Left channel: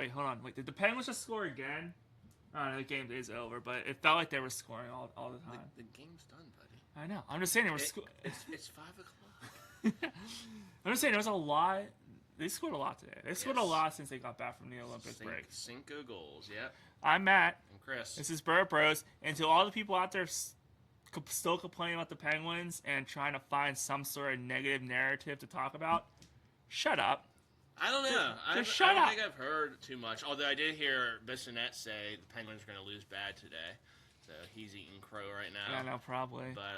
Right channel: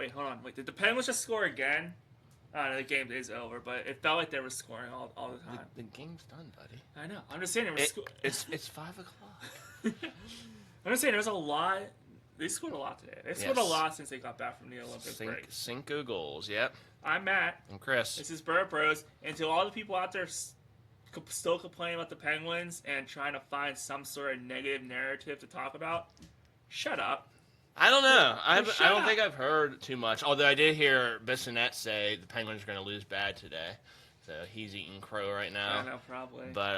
Wait, hold on. Wait, did the Penguins just score again? The game is over, but it felt like they were scoring all the time. The game's done, buddy. I know. I'm just saying It's 5 o'clock. I'm just saying there's a lot. They scored a lot today. They scored a lot since they got back from the Olympic break. 5 goals, yep. I'm Matt. I'm Chris. This is Bird Bros. And to all the people out there still complaining about the Penguins and trying to find some sort of negative narrative to talk about, shut up. I don't know. I don't think I've heard too much. Although I did hear Bissonnette say the Penguins are going to lose bad today. So he's eating crow right now. I don't know, probably. But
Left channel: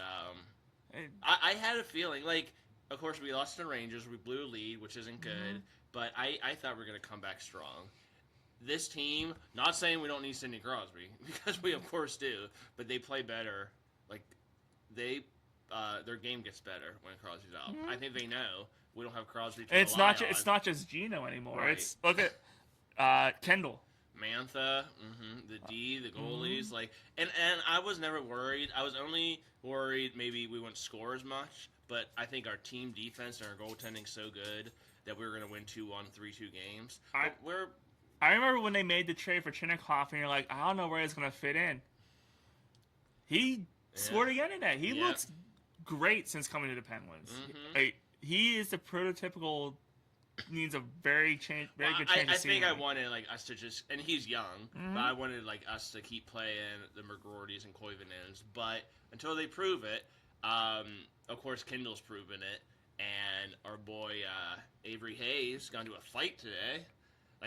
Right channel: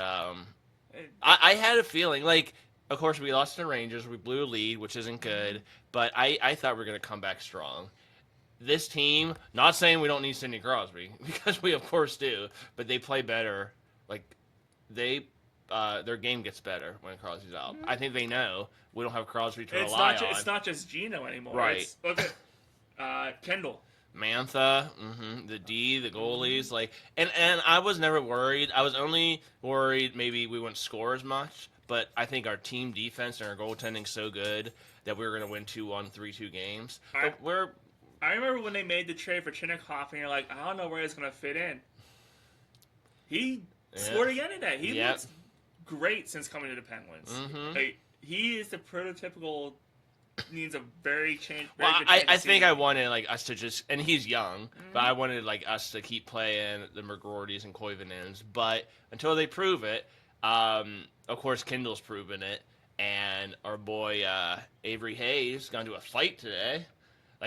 I had a feeling, like, of course, we lost to the Rangers. We blew a lead, which isn't good. Mm-hmm. But I thought we were going to come back strong. This team, not saying we don't need Sidney Crosby, because we, of course, do. But they play better. Like, their game gets better when Crosby's out. Mm-hmm. I think they know we don't have Crosby to rely on. It's not just Gino anymore. Right. Look at Kendall. Mantha, the D, the goalies, and I was never worried. I was only worried maybe we wouldn't score as much, but I think our team defense and our goaltending's so good that we were going to win 2-1, 3-2 games. I remember when they made the trade for Chinnikhoff, and you're like, I don't know where he's going to fit in. He scored again today. He looks great since coming to the Penguins. Mm-hmm. He is the prototypical. Needs a very change. I think I wanted us to just, and he's young, but I wanted us to keep playing the McGroartys and Koivunens. But until they prove it, of course Kendall's proven it, and our boy Avery Hayes gonna do a fight today.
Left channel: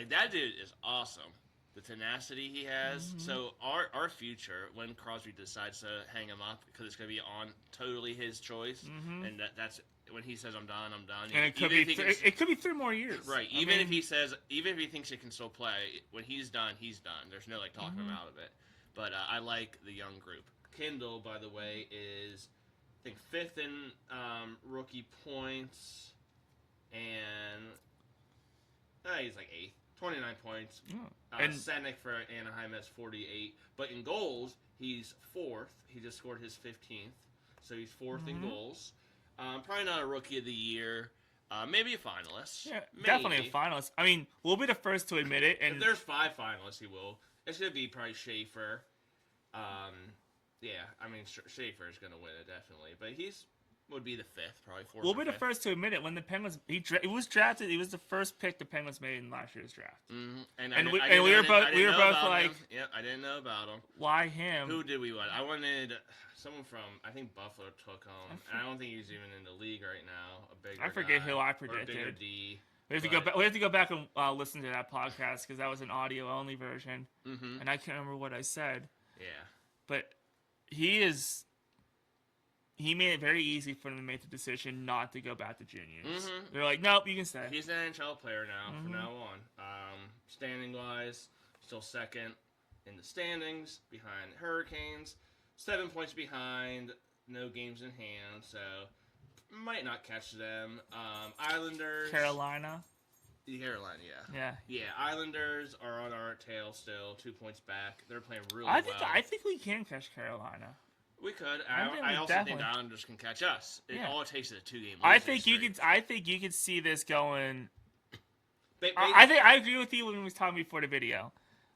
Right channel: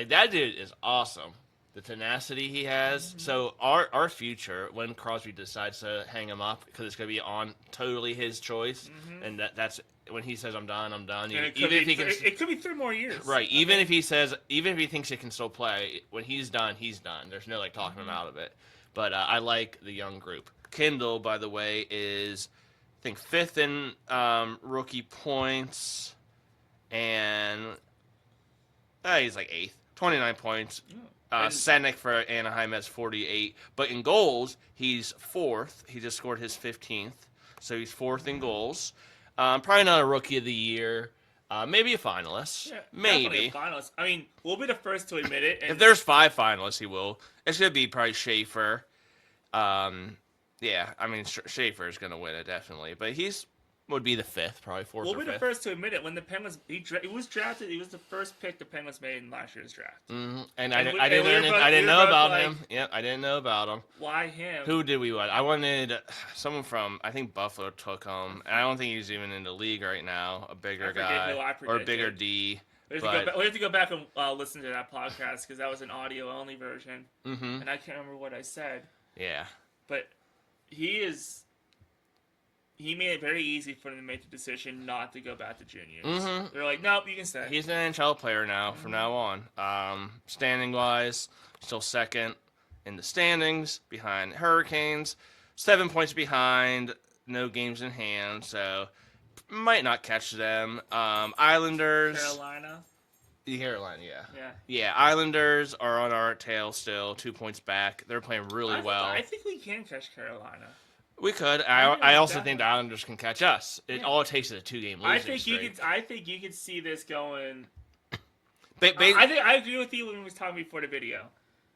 That dude is awesome. The tenacity he has. Mm-hmm. So our future, when Crosby decides to hang him up, because it's gonna be on totally his choice, and that's. When he says I'm done. It could be 3 more years. Right. Even if he thinks he can still play, when he's done, he's done. There's no talking him out of it. But I like the young group. Kendall, by the way, is I think 5th in rookie points, and he's 8th, 29 points. Senek for Anaheim has 48, but in goals he's 4th. He just scored his 15th, so he's 4th in goals. Probably not a Rookie of the Year. Maybe a finalist. Yeah, maybe. Definitely a finalist. I mean, we'll be the first to admit it. And if there's 5 finalists, he will. It's going to be probably Schaefer. Schaefer is going to win it, definitely. But would be the 5th, probably 4th We'll or be 5th. the first to admit it. When the Penguins, he was drafted, he was the first pick the Penguins made in last year's draft. Mm-hmm. I didn't know about him. Yep, I didn't know about him. Why him? Who did we want? I wanted someone from, I think Buffalo took him. And I don't think he's even in the league right now. A bigger guy. Who I predicted. Or a bigger D. We have to go back and listen to that podcast because that was an audio-only version. Mm-hmm. And I can't remember what I said. Yeah. But he made it very easy for them to make the decision not to go back to juniors. Mm-hmm. They're like, nope, you can stay. He's an NHL player now from now on. Standing-wise, still 2nd in the standings behind Hurricanes. 7 points behind, no games in hand, so might not catch them. Islanders. Carolina, yeah. Yeah, Islanders are on our tail still, 2 points back. They're playing really well. I think we can catch Carolina. We could. I also think the Islanders can catch us. All it takes is a 2-game losing I think you could see this going. I agree with you when we was talking before the video.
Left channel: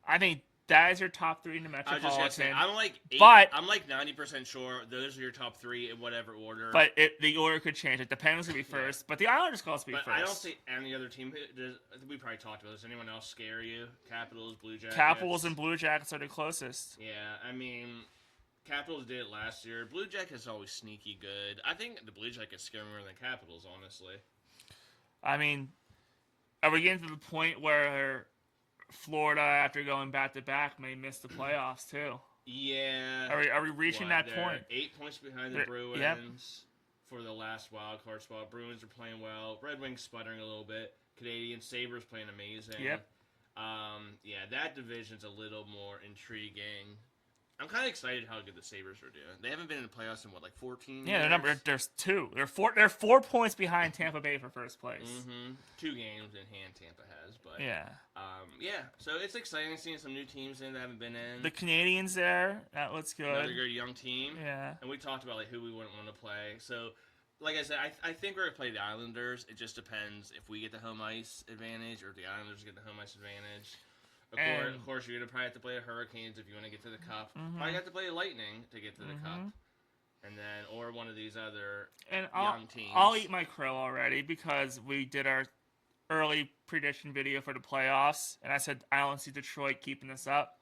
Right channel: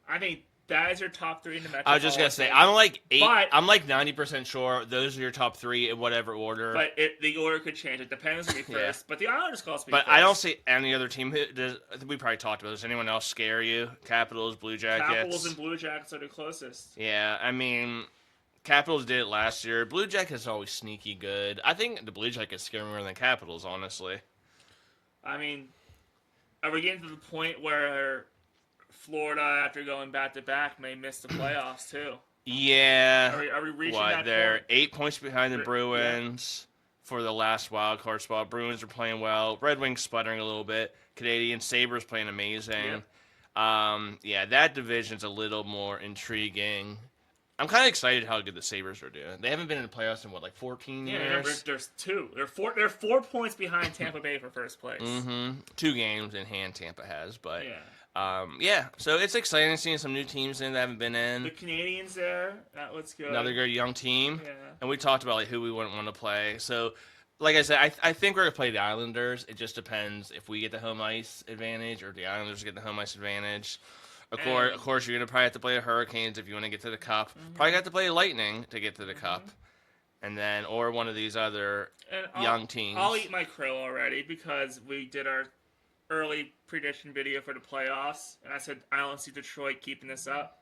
I think that is your top 3 in the Metropolitan. I was just gonna say I'm 90% sure those are your top 3 in whatever order. But the order could change. It depends who be first. But the Islanders could also be first. But I don't see any other team. We probably talked about this. Anyone else scare you? Capitals, Blue Jackets. Capitals and Blue Jackets are the closest. Yeah, I mean. Capitals did it last year. Blue Jackets are always sneaky good. I think the Blue Jackets scare me more than Capitals, honestly. I mean, are we getting to the point where Florida, after going back-to-back, may miss the playoffs, too? Yeah. Are we reaching that point? 8 points behind the Bruins for the last wild card spot. Bruins are playing well. Red Wings sputtering a little bit. Canadian Sabres playing amazing. Yep. That division's a little more intriguing. I'm kind of excited how good the Sabres are doing. They haven't been in the playoffs in 14 years? Yeah, there's 2. They're 4 points behind Tampa Bay for first place. Mm-hmm. 2 games in hand Tampa has, but so it's exciting seeing some new teams in that haven't been in. The Canadians there, that looks good. Another good young team. Yeah. And we talked about who we wouldn't want to play. So like I said, I think we're gonna play the Islanders. It just depends if we get the home ice advantage or if the Islanders get the home ice advantage. Of course, you're gonna probably have to play the Hurricanes if you want to get to the Cup. Probably have to play Lightning to get to the Cup, and then or one of these other young teams. I'll eat my crow already because we did our early prediction video for the playoffs, and I said I don't see Detroit keeping this up.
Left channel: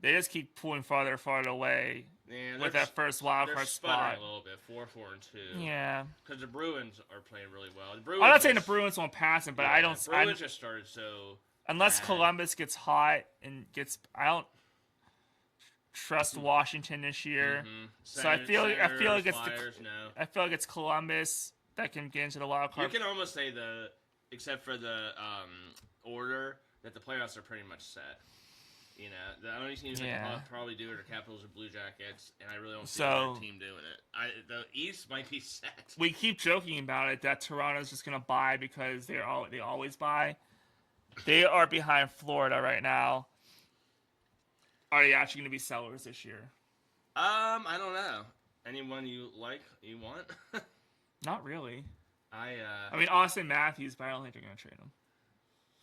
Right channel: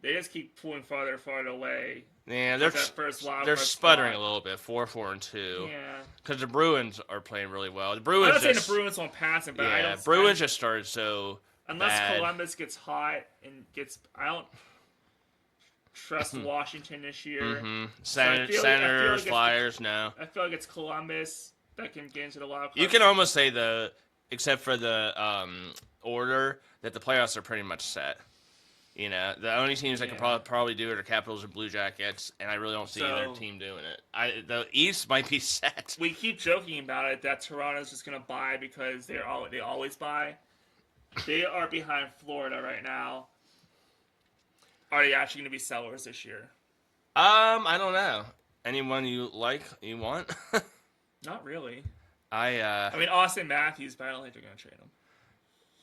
They just keep pulling farther and farther away. Yeah, they're sputtering a little bit, 4-4-2. Yeah, because the Bruins are playing really well. I'm not saying the Bruins won't pass them, but I don't. Bruins just started so unless bad. Columbus gets hot and gets. I don't trust Washington this year. Senators, Flyers, no. I feel like it's Columbus that can get into the wild card. You can almost say except for the order, that the playoffs are pretty much set. You know, the only teams that can probably do it are Capitals or Blue Jackets, and I really don't see their team doing it. The East might be set. We keep joking about it that Toronto's just going to buy because they always buy. They are behind Florida right now. Are they actually going to be sellers this year? I don't know. Anyone you want? Not really. I mean, Austin Matthews, but I don't think they're going to trade him.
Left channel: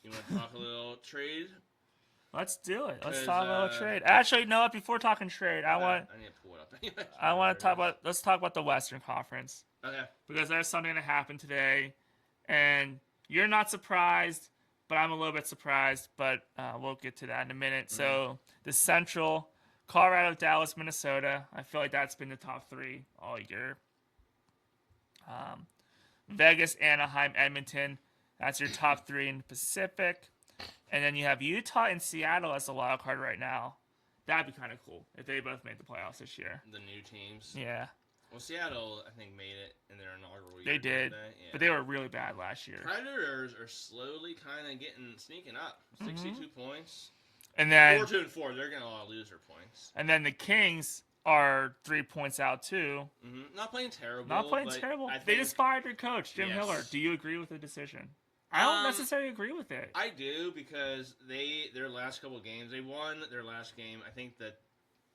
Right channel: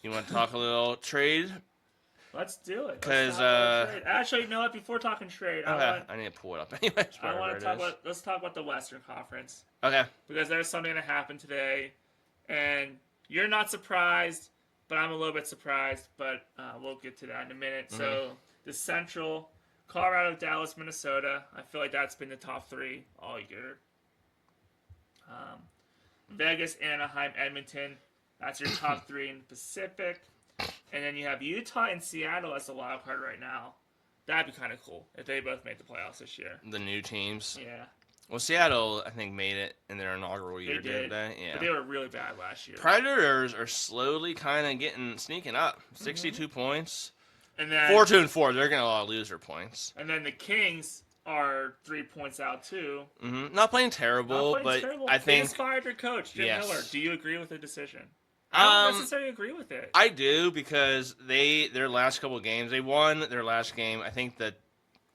You want to talk a little trade? Let's do it. Let's talk about trade. Actually, no. Before talking trade, I need to pull it up anyways. Let's talk about the Western Conference. Okay. Because there's something that happened today, and you're not surprised, but I'm a little bit surprised. But we'll get to that in a minute. Mm-hmm. So the Central, Colorado, Dallas, Minnesota. I feel like that's been the top three all year. Vegas, Anaheim, Edmonton. That's your top three in the Pacific. And then you have Utah and Seattle as the wild card right now. That'd be kind of cool if they both made the playoffs this year. The new teams. Yeah. Well, Seattle, I think, made it in their inaugural year, didn't they? Yeah. But they were really bad last year. Predators are slowly kind of sneaking up. 62 points. And then 4-2-4. They're going to lose their points. And then the Kings are 3 points out, too. Mm-hmm. Not playing terrible, I think they inspired their coach, Jim Miller. Do you agree with the decision? I don't necessarily agree with it. I do, because their last couple of games, they won their last game. I think that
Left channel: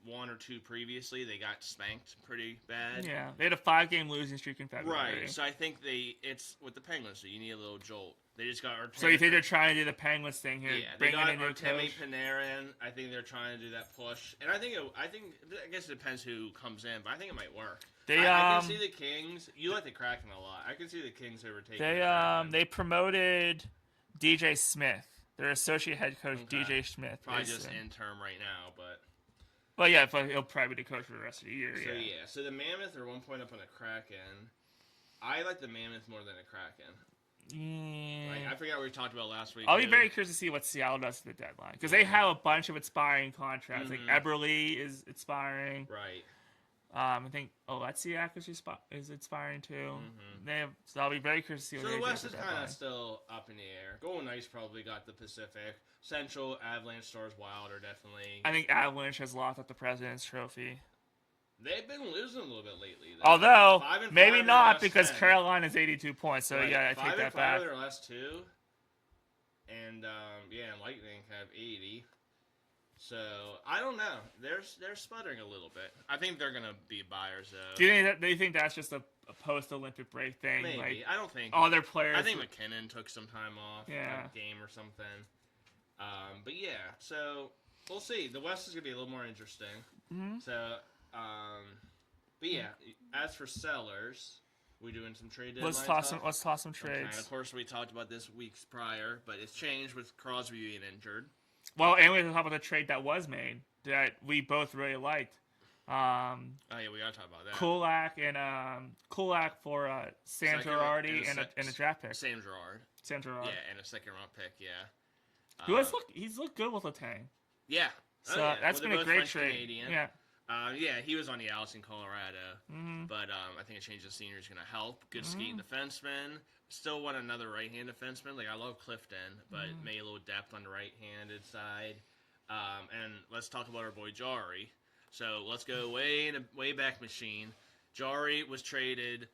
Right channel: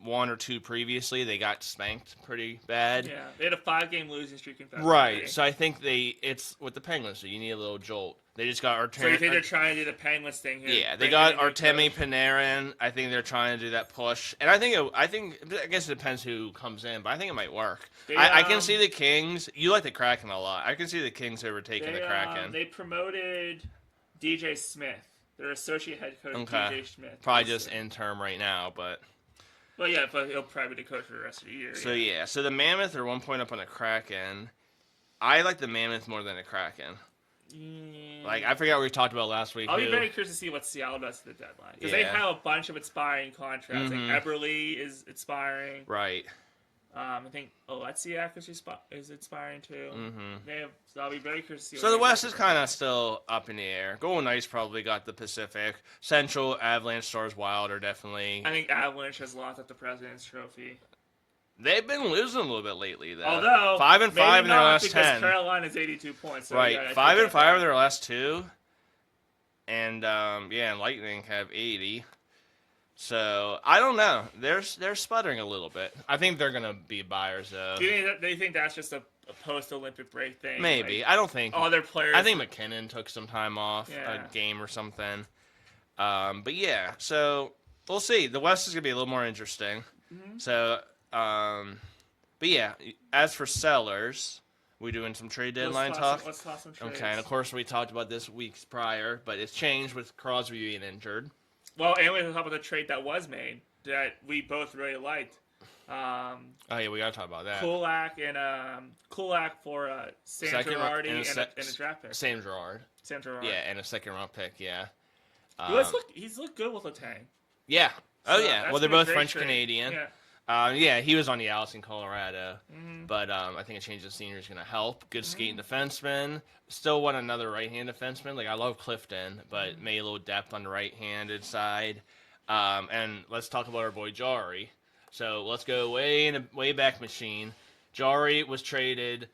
one or two previously, they got spanked pretty bad. Yeah, they had a 5-game losing streak in February. Right, so I think it's with the Penguins, so you need a little jolt. They just got Artemi. So you think they're trying to do the Penguins thing here? Yeah, they got Artemi Panarin. I think they're trying to do that push, and I guess it depends who comes in, but I think it might work. I can see the Kings. You like the Kraken a lot. I can see the Kings overtaking the Kraken. They promoted DJ Smith, their associate head coach. Okay. DJ Smith, probably just interim right now, but. Well, yeah, but he'll probably be the coach for the rest of the year. So the Mammoth are 1 point up on the Kraken. I like the Mammoth more than the Kraken. Yeah. Like, I forgot what we talked about last week. I'll be very curious to see what Seattle does to the deadline. Because they have a bunch of expiring contracts. Mm-hmm. Like, Eberle is expiring. Right. I think Oleksiak is expiring too. Mm-hmm. So I'll be very curious to see. So the West is kind of still up in the air. Golden Knights probably got the Pacific. Central, Avalanche, Stars, Wild are definitely. I think Avalanche has lost at the President's Trophy. They've been losing a little bit lately, though. Although 5-5 in their last 10. Because Carolina's 82 points. So right, yeah, 5-5 in their last 2, and and Lightning have 80. So I don't know. They're sputtering a little bit. I think they're gonna be buyers though. Do you think that's just a post-Olympic break thing? Maybe. Like, I don't think all their players. I think McKinnon took some time off, a game or something. But yeah. So we'll see. The West is gonna be a little more interesting. Mm-hmm. So, but yeah. As for sellers, we doing some trade deadline talk. Let's toss some trades. Okay. And of course, we talked about this weeks prior, but it's changed with Crosby being injured. Well, and we talk about the trade that was made that we both really liked. Oh yeah, we gotta talk about that. Kulak for Sam Girardi and a draft pick. Sam Girard. Yeah, and a second-round pick. Yeah. He's looked good with Letang. Yeah. So yeah. Well, they're both French trade. Canadian. Yeah. Yeah, he was on the Alice in Colorado, but I think a change of scenery is going to help. Good skating defenseman. Still want another right-hand defenseman. Like, I love Clifton, but maybe a little depth on the right-handed side. And let's talk about our boy Jari. So let's go way back machine. Jari was traded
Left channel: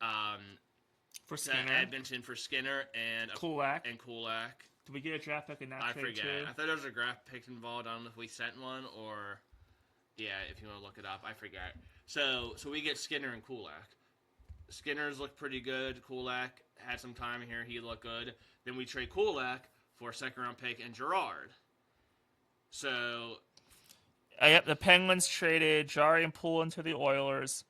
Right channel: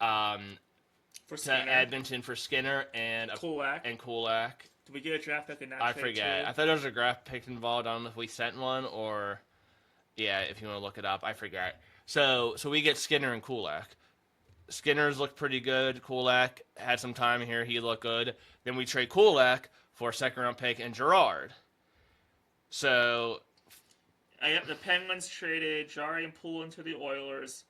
to Edmonton for Skinner and Kulak. Did we get a draft pick in that trade forget. too? I thought there was a draft pick involved. I don't know if we sent one or... Yeah, if you want to look it up, I forgot. So we get Skinner and Kulak. Skinner's looked pretty good. Kulak had some time here. He looked good. Then we trade Kulak for a second-round pick and Gerard. So, Yep, the Penguins traded Jari and Poulin to the Oilers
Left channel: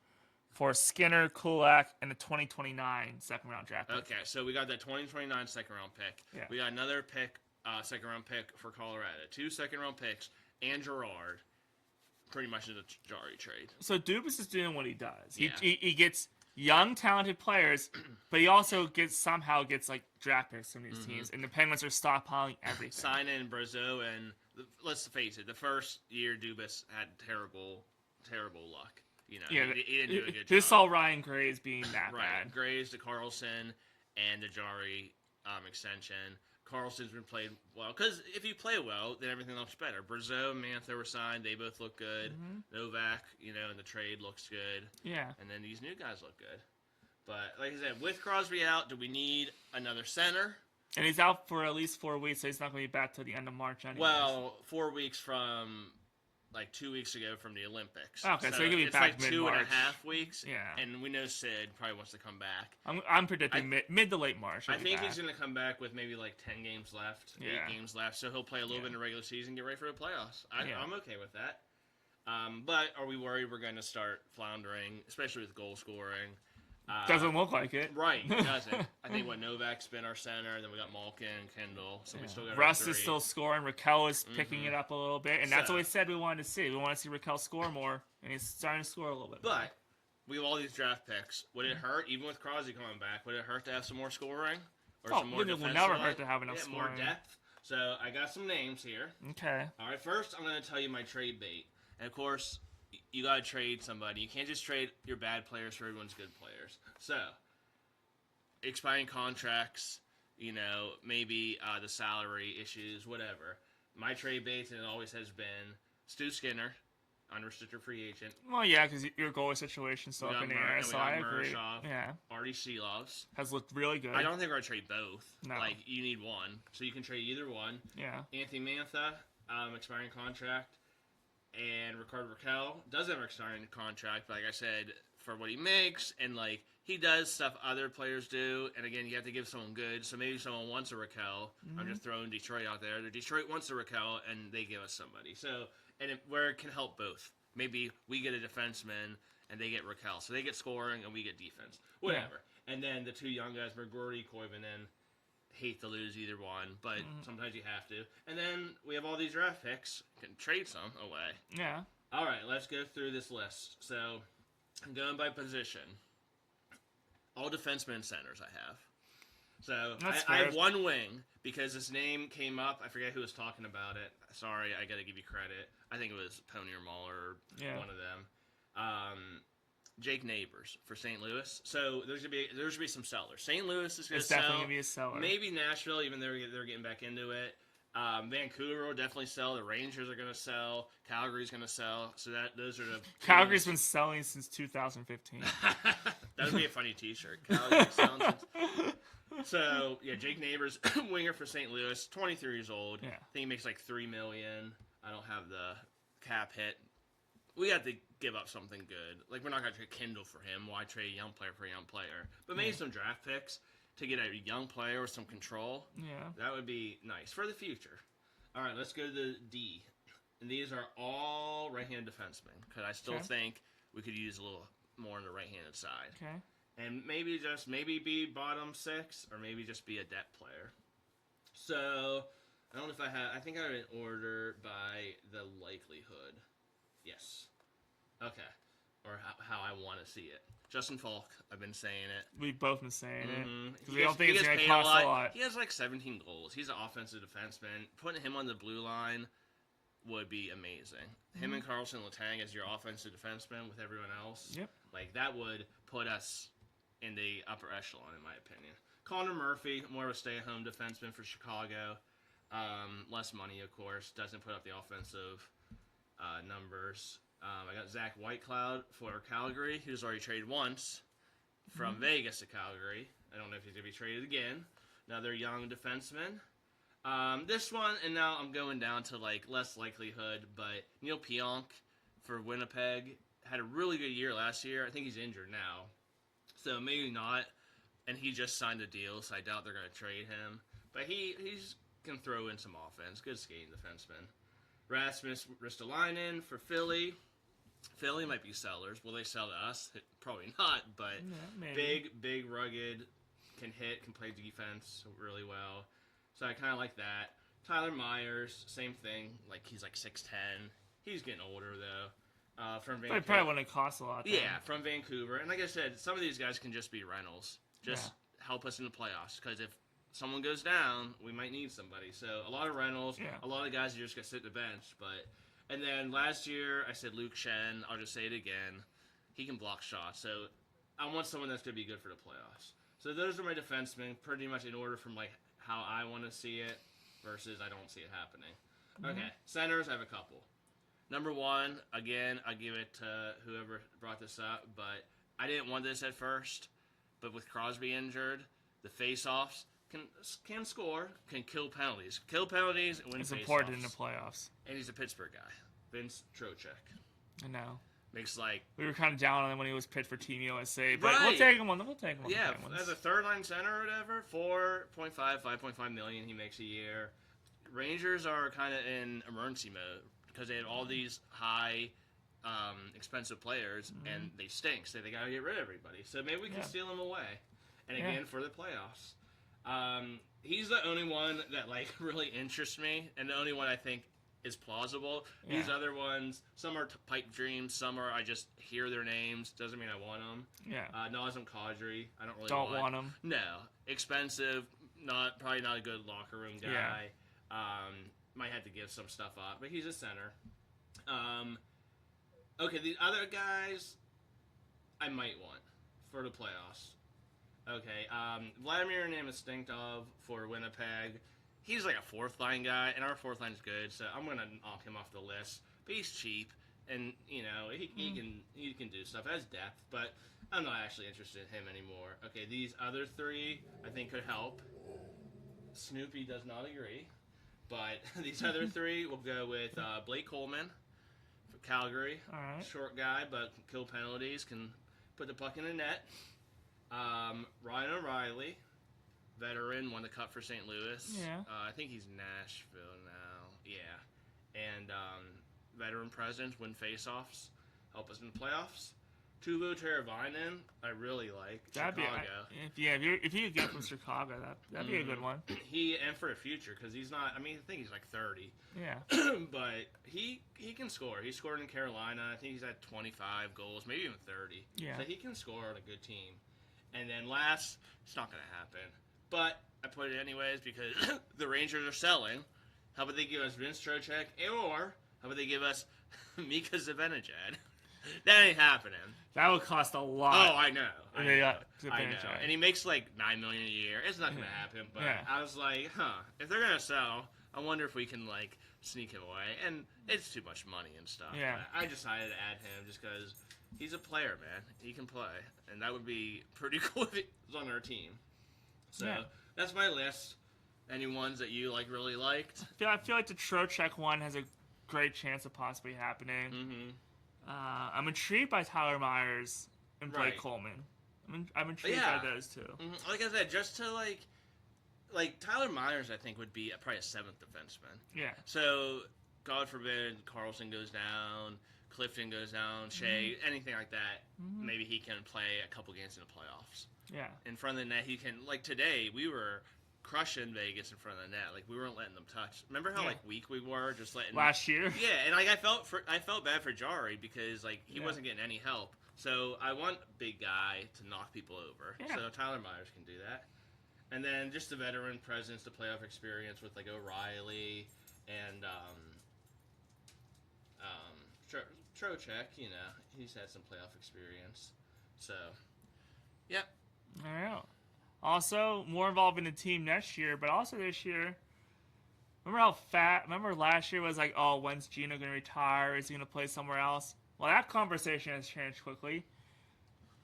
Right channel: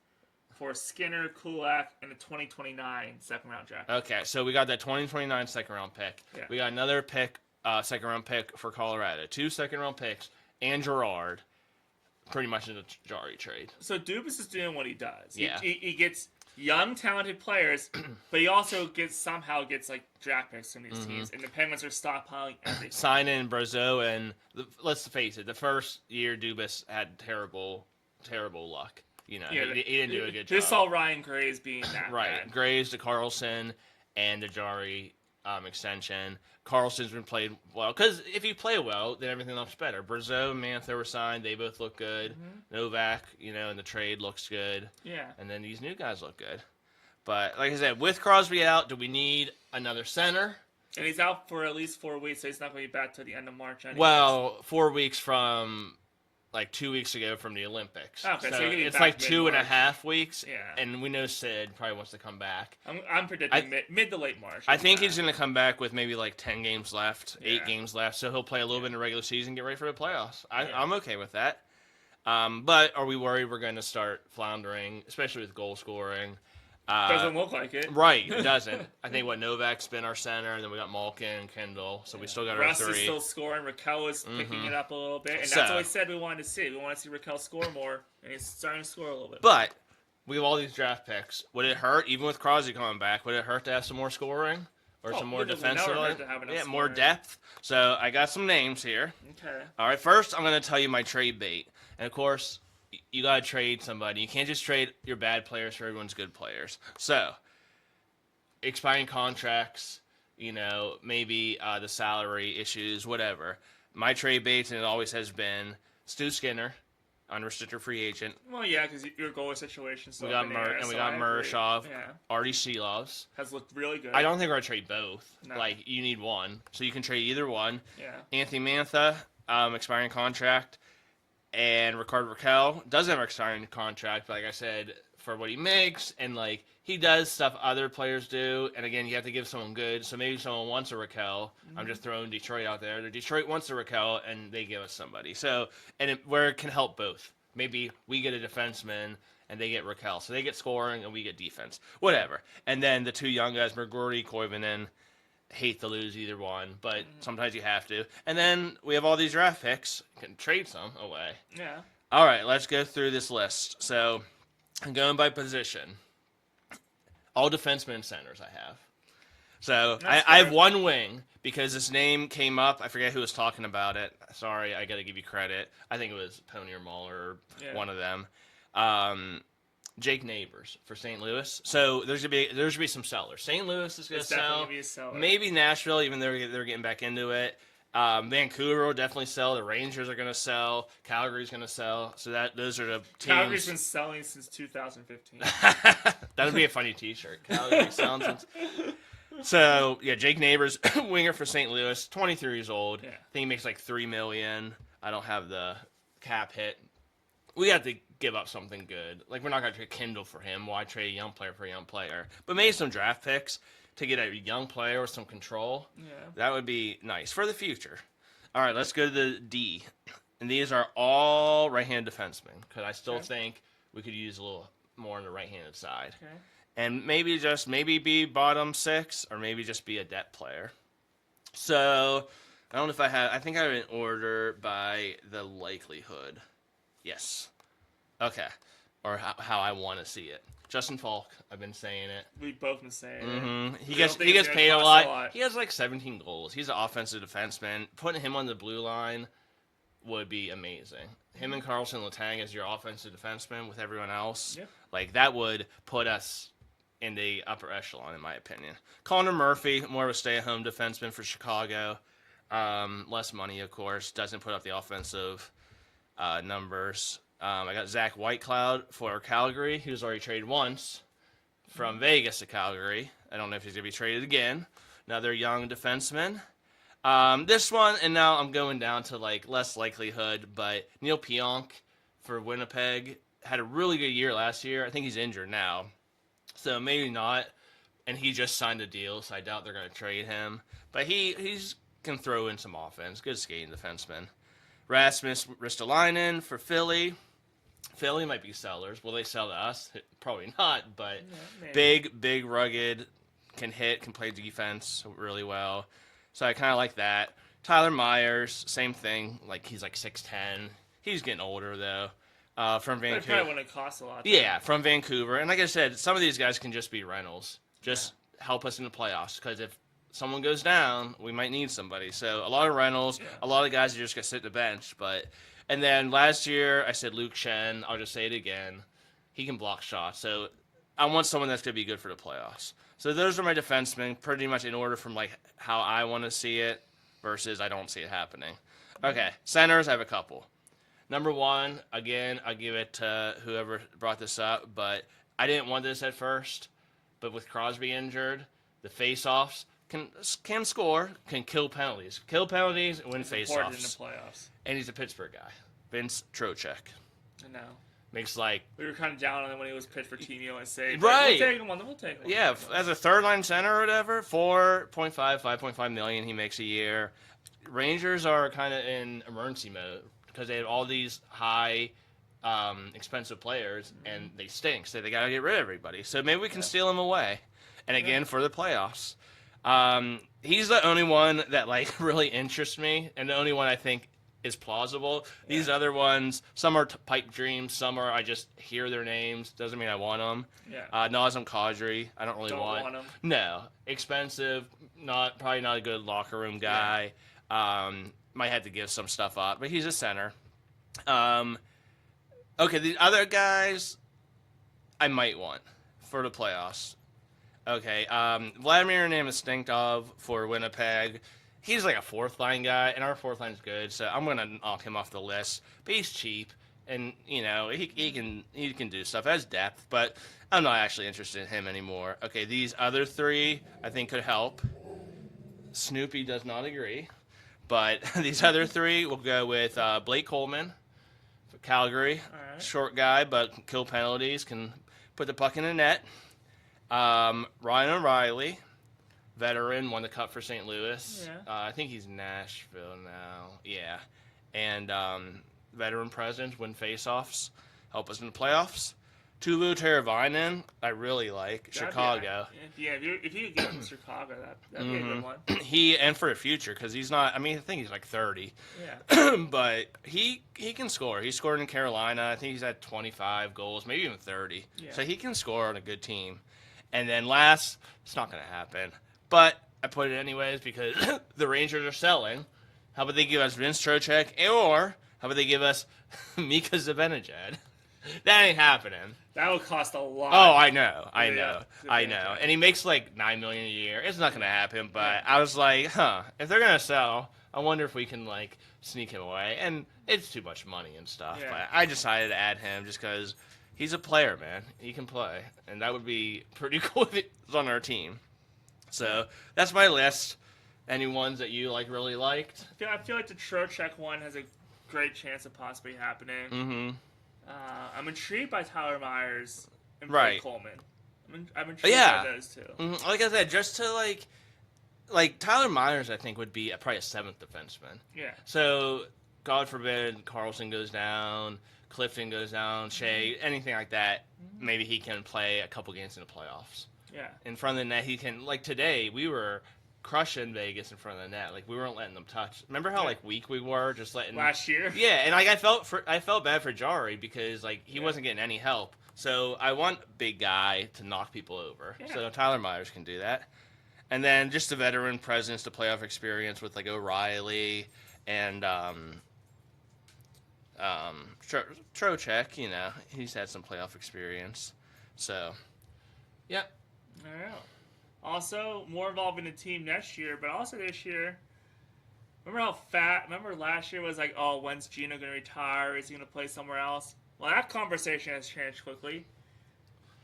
for Skinner, Kulak, and the 2029 second-round draft pick. okay, so we got that 2029 second-round pick. Yeah. We got another second-round pick for Colorado. 2 second-round picks and Gerard. Pretty much in a Jari trade. So Dubas is doing what he does. Yeah. He gets young, talented players, but he also somehow gets like draft picks from these teams, and the Penguins are stockpiling everything. Signing Brazeau, and let's face it, the first year Dubas had terrible luck. You know, he didn't do a good job. Just saw Ryan Graves being that right. bad. Graves to Carlson and the Jari extension. Carlson's been played well because if you play well, then everything looks better. Brazeau and Mantha were signed; they both look good. Novak, in the trade looks good. Yeah. And then these new guys look good. But like I said, with Crosby out, do we need another center? And he's out for at least 4 weeks, so he's not going to be back till the end of March anyways. Well, 4 weeks from 2 weeks ago from the Olympics. Okay, so he could be it's back like mid-March. 2.5 weeks. Yeah. And we know Sid probably wants to come back. I'm predicting mid to late March. I think he's going to come back with maybe 10 games left, Yeah. 8 games left, so he'll play a little bit in the regular season, get ready for the playoffs. Yeah. I'm okay with that. But are we worried we're going to start floundering, especially with goal scoring? Doesn't look like it. Right, it doesn't. I think Novak's been our center, and then we got Malkin and Kendall, so we still got Russ our 3. is still scoring. Raquel is picking it up a little bit, and that's what we said we wanted to see. We want to see Raquel score more, and he's starting to score a little bit. But we have all these draft picks. Would it hurt, even with Crosby coming back, would it hurt to have some more scoring? Or some more it will defensive? never hurt to have enough more scoring. depth. So I got some names here. Okay. All right, first I'm going to tell you my trade bait. And, of course, you got to trade somebody. You can't just trade your bad players for everyone's good players. So, expiring contracts, maybe the salary issues, whatever. My trade bait, and it always has been, Stu Skinner, unrestricted free agent. Well, yeah, because your goalie situation still We got up in the air, we so got I agree. Murashov, Yeah. Artie Seelovs. Has looked really good. I don't think we're going to trade both. No. You need one. So you can trade either one. Yeah. Anthony Mantha, expiring contract. And Rickard Raquel doesn't have an expiring contract, but like I said, for what he makes, and he does stuff other players do, and again, you have to give someone good, so maybe someone wants a Raquel. I'm just throwing Detroit out there. Detroit wants a Raquel, and they give us somebody. So, where it can help both. Maybe we get a defenseman, and they get Raquel. So they get scoring, and we get defense. Whatever. And then the 2 young guys, McGrory, Koivunen, hate to lose either one, but sometimes you have to. And then we have all these draft picks. You can trade some away. Yeah. All right, let's go through this list. So, I'm going by position. All defensemen and centers I have. So, I have one wing because this name came up. I forget who was talking about it. Sorry, I got to give you credit. I think it was Pony or Muller, one of them. Jake Neighbors for St. Louis. So there's gonna be some sellers. St. Louis is gonna sell. Definitely gonna be a seller. Maybe Nashville, even though they're getting back into it. Vancouver will definitely sell. The Rangers are gonna sell. Calgary's gonna sell. So those are the teams. Calgary's been selling since 2015. That'd be a funny T-shirt. Calgary selling since. So yeah, Jake Neighbors, winger for St. Louis, 23 years old. Yeah. I think he makes $3 million. I don't have the cap hit. We have to give up something good. We're not going to trade Kindle for him. Why trade a young player for a young player? But maybe some draft picks to get a young player with some control. Yeah. That would be nice for the future. All right, let's go to the D. And these are all right-handed defensemen because I still think we could use a little more on the right-handed side. Okay. And maybe be bottom 6 or maybe just be a depth player. So, I don't know if I think I have an order by the likelihood. Yes. Okay. Or how I want to see it. Justin Falk, I've been saying it. We've both been saying it. He gets paid a lot. He has 17 goals. He's an offensive defenseman. Putting him on the blue line would be amazing. Him and Carlson Letang as your offensive defenseman with everyone else. Yep. That would put us in the upper echelon, in my opinion. Connor Murphy, more of a stay-at-home defenseman for Chicago. Less money, of course. Doesn't put up the offensive numbers. I got Zach Whitecloud for Calgary. He was already traded once from Vegas to Calgary. I don't know if he's going to be traded again. Another young defenseman. This one, and now I'm going down to less likelihood, but Neil Pionk for Winnipeg had a really good year last year. I think he's injured now. So maybe not. And he just signed a deal, so I doubt they're going to trade him. But he's can throw in some offense. Good skating defenseman. Rasmus Ristolainen for Philly. Philly might be sellers. Will they sell to us? Probably not, but big, rugged, can hit, can play defense really well. So I kind of like that. Tyler Myers, same thing. Like, he's like 6'10". He's getting older, though. From Vancouver. But it probably wouldn't cost a lot. Yeah, from Vancouver. And like I said, some of these guys can just be rentals. Just help us in the playoffs. Because if someone goes down, we might need somebody. So a lot of rentals, a lot of guys are just going to sit the bench. And then last year, I said Luke Shen. I'll just say it again. He can block shots. So I want someone that's going to be good for the playoffs. So those are my defensemen, pretty much in order from like how I want to see it versus I don't see it happening. Okay, centers, I have a couple. Number one, again, I'll give it to whoever brought this up, but I didn't want this at first. But with Crosby injured, the face-offs can score, can kill penalties. Kill penalties and win face-offs. Important in the playoffs. And he's a Pittsburgh guy. Vince Trocheck. I know. Makes like... We were kind of down on him when he was pitched for Team USA. Right. We'll take him on. We'll take him on. Yeah, as a third-line center or whatever, 5.5 million he makes a year. Rangers are kind of in emergency mode because they have all these high... expensive players, and they stink, so they got to get rid of everybody. So maybe we can steal him away. And again, for the playoffs. He's the only one that, like, really interests me, and the only one I think is plausible. These other ones, some are pipe dreams, some are I just hear their names. Doesn't mean I want them. Nazem Kadri, I don't really want him. No. Expensive, probably not a good locker room guy. Might have to give some stuff up, but he's a center. Okay, the other guys I might want for the playoffs. Okay, Vladimir Namestnikov for Winnipeg. He's like a fourth-line guy, and our fourth line's good, so I'm going to knock him off the list. But he's cheap, and, you know, he can do stuff. Has depth, but I'm not actually interested in him anymore. Okay, these other three I think could help. Snoopy does not agree. But these other three, we'll go with Blake Coleman. Calgary, short guy, but can kill penalties, can put the puck in the net. Ryan O'Reilly, veteran, won the cup for St. Louis. I think he's Nashville now. Yeah. And veteran presence, win faceoffs, help us in the playoffs. Teuvo Teravainen, I really like. Chicago. If you get from Chicago, that'd be a good one. And for the future, because he's not, I think he's like 30. Yeah. But he can score. He scored in Carolina. I think he's had 25 goals, maybe even 30. Yeah. So he can score on a good team. And then last, it's not going to happen. But I put it anyways because the Rangers are selling. How about they give us Vince Trocheck, or how about they give us Mika Zibanejad? That ain't happening. That would cost a lot. Oh, I know. And he makes like $9 million a year. It's not going to happen. But I was like, if they're going to sell, I wonder if we can like sneak him away. And it's too much money and stuff. Yeah. But I decided to add him just because he's a player, man. He can play, and that would be pretty cool if he was on our team. So that's my list. Any ones that you like really liked? I feel like the Trocheck one has a great chance of possibly happening. Mm-hmm. I'm intrigued by Tyler Myers and Blake Coleman. I'm intrigued by those two. Mm-hmm. Like I said, just to like Tyler Myers, I think would be probably a seventh defenseman. Yeah. So God forbid Carlson goes down, Clifton goes down, Shea, anything like that. Mm-hmm. Maybe he can play a couple games in the playoffs. Yeah. In front of the net, he can. Like today, we were crushing Vegas in front of the net. Like we weren't letting them touch. Remember how like weak we were, just letting last year. Yeah, and like I felt bad for Jari because like he wasn't getting any help. So I want a big guy to knock people over. Yeah. So Tyler Myers can do that. And then just a veteran presence, the playoff experience with like O'Reilly and Trocheck. You know, he's had some playoff experience. So, yep. All right. Also, more involved in the team next year, but also this year. Remember last year was like, oh, when's Gino going to retire? Is he going to play somewhere else? Well, that conversation has changed quickly.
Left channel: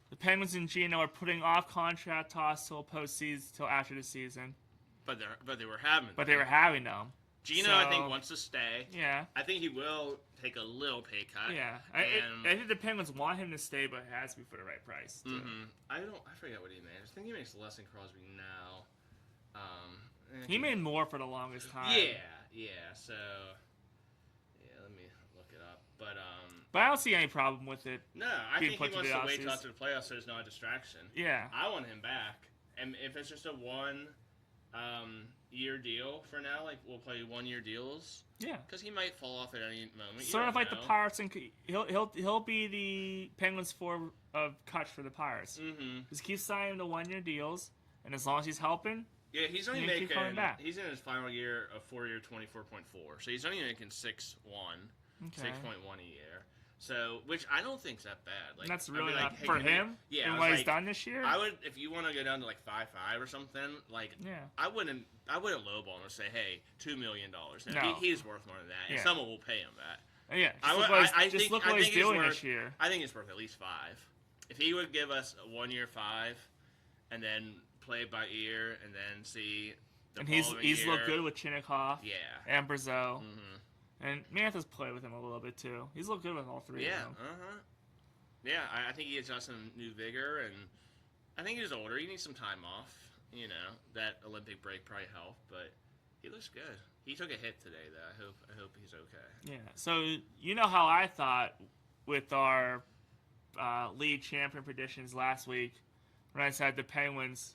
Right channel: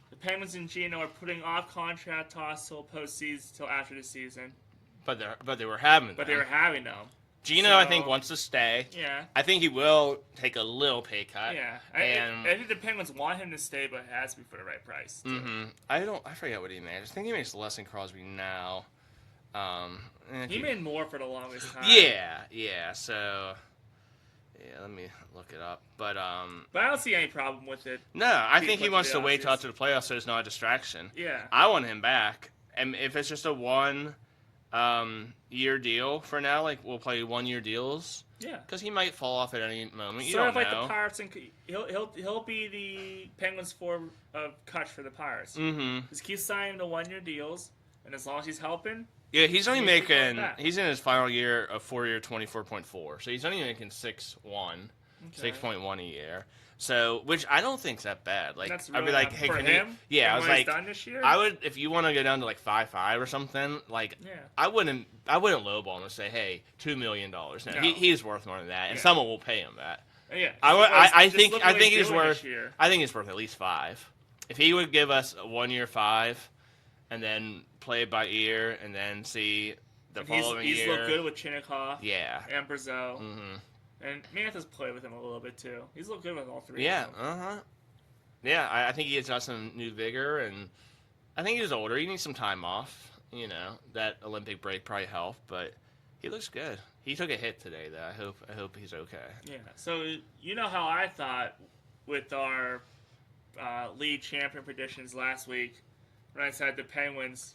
The Penguins and Gino are putting off contract talks till postseason, till after the season. But they were having them. But they were having them. Gino, So, I think, wants to stay. Yeah. I think he will take a little pay cut. Yeah. And I think the Penguins want him to stay, but it has to be for the right price. Too. I forget what he makes. I think he makes less than Crosby now. He made more for the longest time. Yeah. So, yeah, let me look it up. But I don't see any problem with it. No, I think he wants to wait till after the playoffs so it's not a distraction. Yeah. I want him back. And if it's just a year deal for now, like we'll play 1 year deals. Yeah. Because he might fall off at any moment. You sort don't of like know. the Pirates, and he'll be the Penguins form of Kutch for the Pirates. Mm-hmm. Just keep signing the 1 year deals, and as long as he's helping. Yeah, he's only making. He's in his final year of 4 year 24.4, so he's only making 6.1 a year. So, which I don't think's that bad. Like, that's really I'd be like, hey, for him. Yeah, I was he's like, done this year. I would, if you want to go down to like 5.5 or something, like, yeah. I wouldn't lowball him and say, hey, $2 million. No. He's worth more than that, and someone will pay him that. Yeah, I think he's worth. Year. I think he's worth at least 5. If he would give us a 1 year 5, and then play it by ear, and then see the following year. He's looked good with Chinnikov. Yeah. And Brazeau. Mm-hmm. And Mantha's played with him a little bit too. He's looked good with all three. Yeah. Of them. Yeah. I think he has got some new vigor, and I think he's older. He needs some time off. You know, that Olympic break probably helped, but he looks good. He took a hit today, though. I hope he's okay. Yeah. So you know how I thought with our league champion predictions last week when I said the Penguins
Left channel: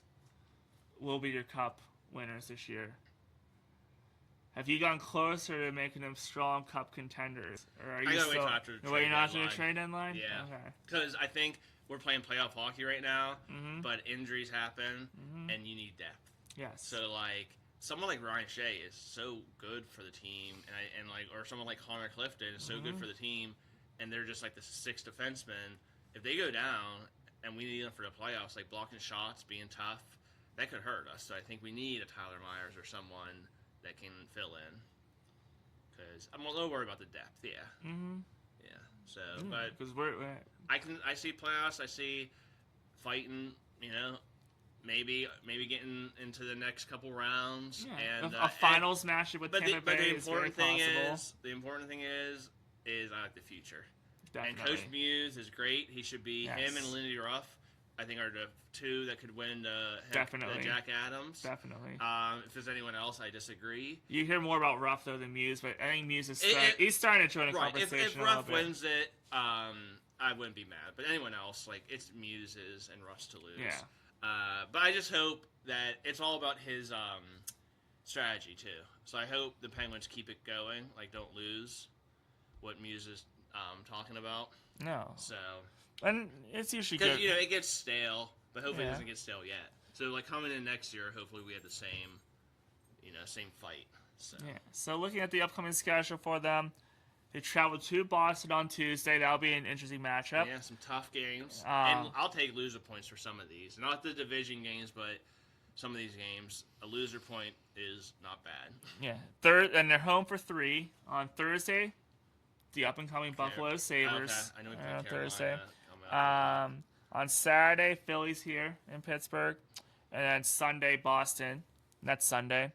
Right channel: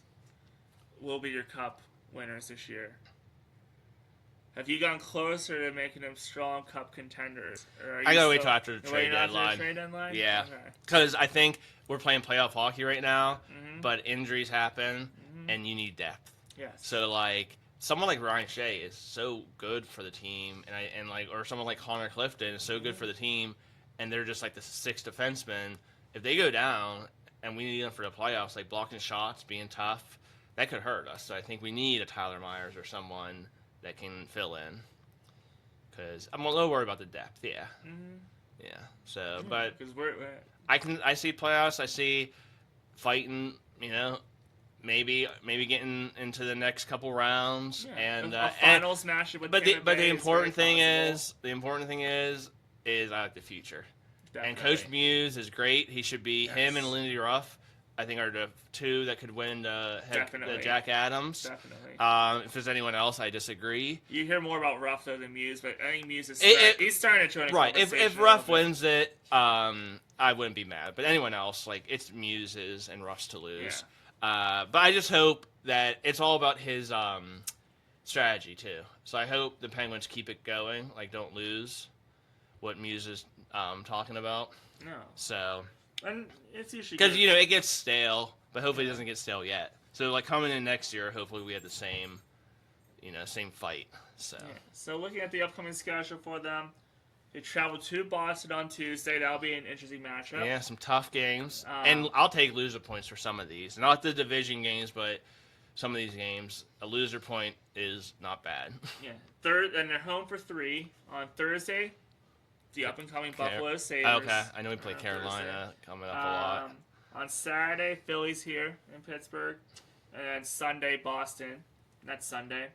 will be your cup winners this year. Have you gone closer to making them strong cup contenders? Or are you I gotta wait till after the trade deadline. Yeah, because I think we're playing playoff hockey right now, but injuries happen, and you need depth. Yes. So like someone like Ryan Shea is so good for the team, or someone like Connor Clifton is so good for the team, and they're just like the sixth defenseman. If they go down and we need them for the playoffs, like blocking shots, being tough, that could hurt us. So I think we need a Tyler Myers or someone that can fill in, because I'm a little worried about the depth. Yeah, yeah. So, but because I see playoffs. I see fighting. You know, maybe getting into the next couple rounds and a finals match. But the important thing is I like the future. Definitely. And Coach Muse is great. He should be him and Lindy Ruff. I think are the two that could win the Jack Adams. Definitely. If there's anyone else, I disagree. You hear more about Ruff though than Muse, but I think Muse is he's starting to join a conversation. If Ruff wins it, I wouldn't be mad. But anyone else, like it's Muse's and Ruff's to lose. Yeah. But I just hope that it's all about his strategy too. So I hope the Penguins keep it going, like don't lose what Muse is talking about. No. So. And it's usually because it gets stale, but hopefully it doesn't get stale yet. So like coming in next year, hopefully we have the same fight. So So looking at the upcoming schedule for them, they travel to Boston on Tuesday. That'll be an interesting matchup. Yeah, some tough games, and I'll take loser points for some of these. Not the division games, but some of these games, a loser point is not bad. Yeah, and they're home for 3 on Thursday. The up-and-coming Buffalo Sabres. Okay, I know we play Carolina coming up a lot. On Saturday, Philly's here in Pittsburgh. And then Sunday, Boston. That's Sunday.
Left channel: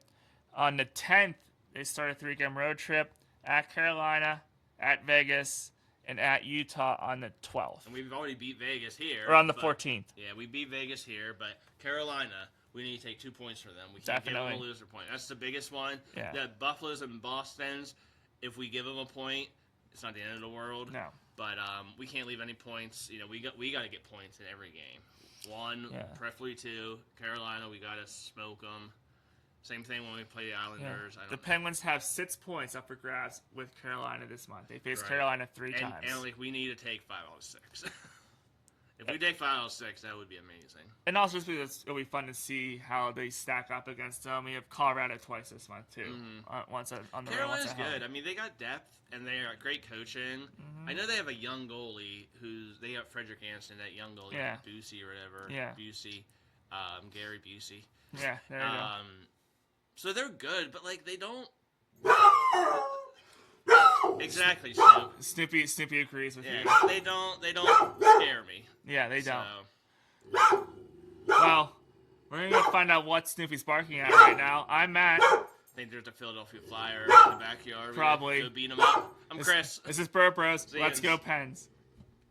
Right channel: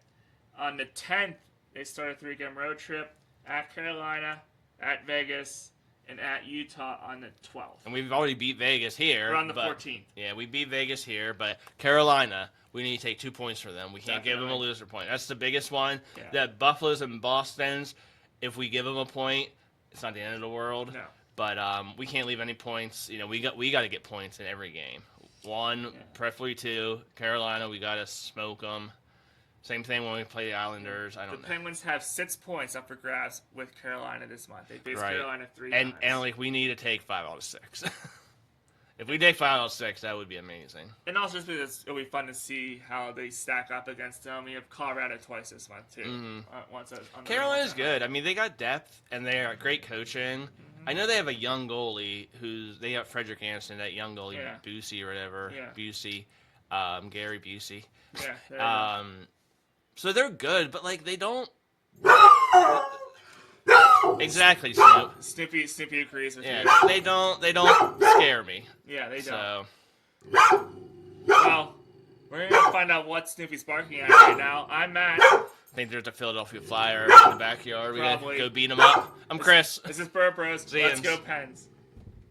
On the 10th, they start a 3-game road trip at Carolina, at Vegas, and at Utah on the 12th. And we've already beat Vegas here. Or on the 14th. Yeah, we beat Vegas here, but Carolina, we need to take 2 points for them. We can't give them a loser point. That's the biggest one. Yeah. That Buffalo's and Boston's, if we give them a point, it's not the end of the world. No. But we can't leave any points. You know, we got to get points in every game. 1, preferably 2. Carolina, we got to smoke them. Same thing when we play the Islanders. Yeah. The Penguins have 6 points up for grabs with Carolina this month. They faced Carolina 3 times. And like we need to take 5 out of 6. If we take 5 out of 6, that would be amazing. And also, it'll be fun to see how they stack up against them. We have Colorado twice this month too. Carolina's good. I mean, they got depth and they are great coaching. I know they have a young goalie they got Frederick Anderson, that young goalie, Busey or whatever. Yeah. Busey, Gary Busey. Yeah. So they're good, but like they don't. Exactly, Snoop. Snoopy agrees with you. They don't scare me. Yeah, they don't. So. Well, we're gonna find out what Snoopy's barking at right now. I'm Matt. think there's a Philadelphia Flyers in the backyard. We Probably. gotta go beat them up. I'm Chris. This is Burr Bros. See Let's ya. go Pens.